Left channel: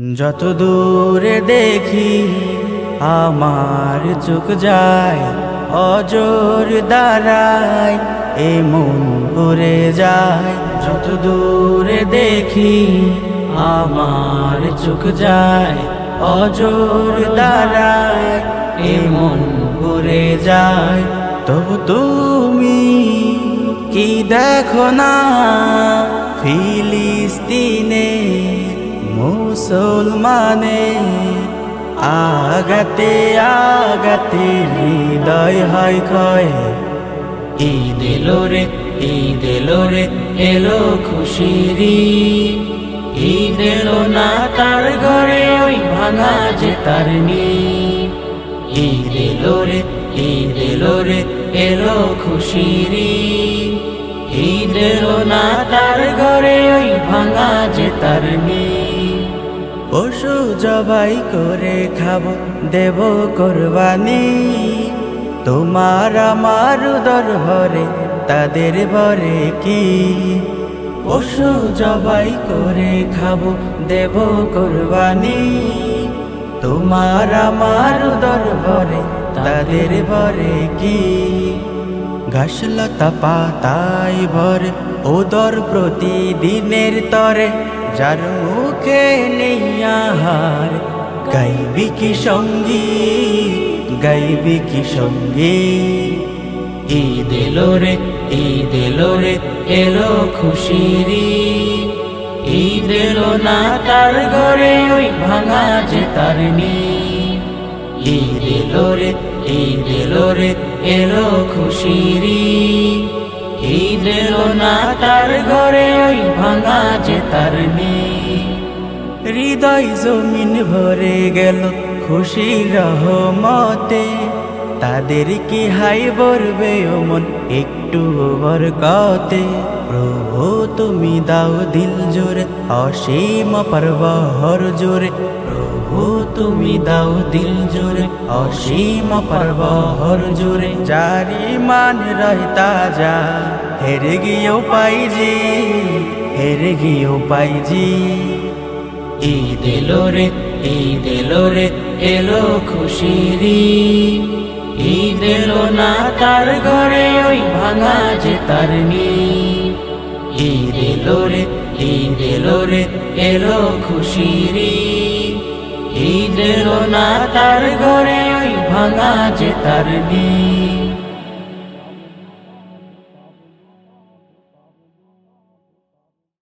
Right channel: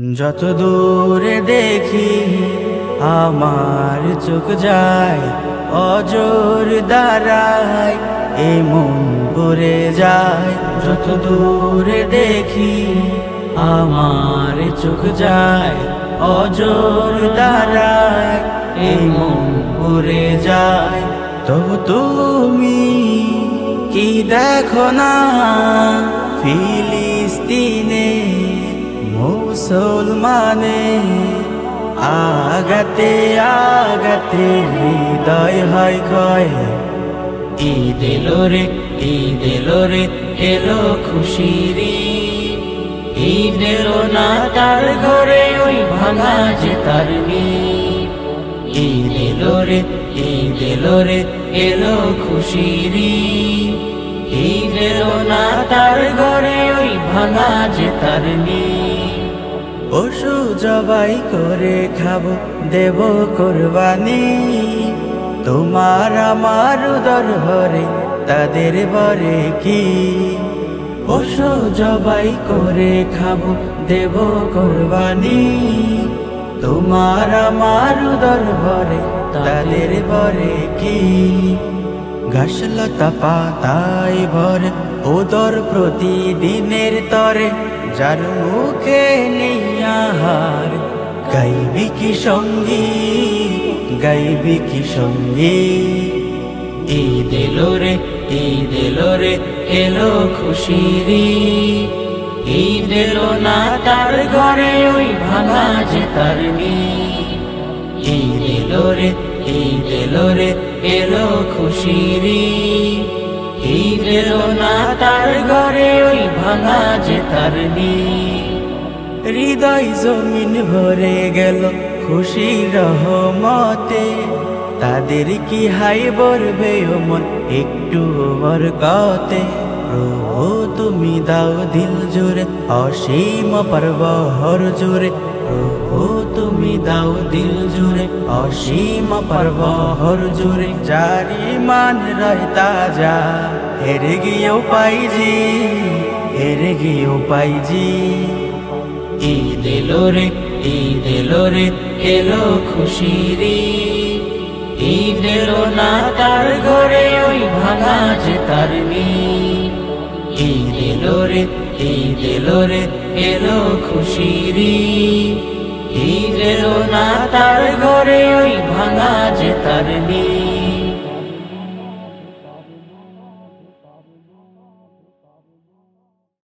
যত দূরে দেখি আমার চোখ যায়, অজর দাঁড়ায় এ মন পড়ে যায়। যত দূরে দেখি আমার চোখ যায়, অজর দাঁড়ায় এ মন পড়ে যায়। তবু তুমি কি দেখো না ফিলিস্তিনে মুসলমানে আগাতে আগাতে হৃদয় হয় ক্ষয়। ঈদ এলো রে, ঈদ এলো রে, এলো খুশিরি। ঈদ এলো না তার ঘরে ওই ভাঙা যে তার নীড়। ঈদ এলো রে, ঈদ এলো রে, এলো খুশিরি। ঈদ এলো না তার ঘরে ওই ভাঙা যে তার নীড়। পশু জবাই করে খাবো, দেব কোরবানি। তোমার আমার উদর ভরে তাদের ভরে কি। পশু জবাই করে খাবো, দেব কোরবানি। তোমার আমার উদর ভরে তাদের ভরে কি। ঘাসলতা পাতাই ভরে ওদর প্রতিদিনের তরে, যার মুখে নেই আহার গাইবি কি সঙ্গী, গাইবি কি সঙ্গী। ঈদ এলো রে, ঈদ এলো রে, এলো খুশিরি। ঈদ এলো না তার ঘরে ওই ভাঙা যে তার নীড়। ঈদ এলো রে, ঈদ এলো রে, এলো খুশিরি। ঈদ এলো না তার ঘরে ওই ভাঙা যে তার নীড়। হৃদয় জমিন ভরে গেল খুশির রহমতে, তাদের কি হাই বলবে ও মন একটু বরকতে। প্রভু তুমি দাও দিল জুড়ে অসীম পরবহর জুড়ে। প্রভু তুমি দাও দিল জুড়ে অসীম পরবহর জুড়ে। জারি মান রয় তাজা হেরে গিয়েও পাইজি, হেরে গিয়েও পাইজি। ঈদ এলো রে, ঈদ এলো রে, এলো খুশিরি। ঈদ এলো না তার ঘরে ওই ভাঙা যে তার নীড়। ঈদ এলো রে, ঈদ এলো রে, এলো খুশিরি। ঈদ এলো না তার ঘরে ওই ভাঙা যে তার নীড়।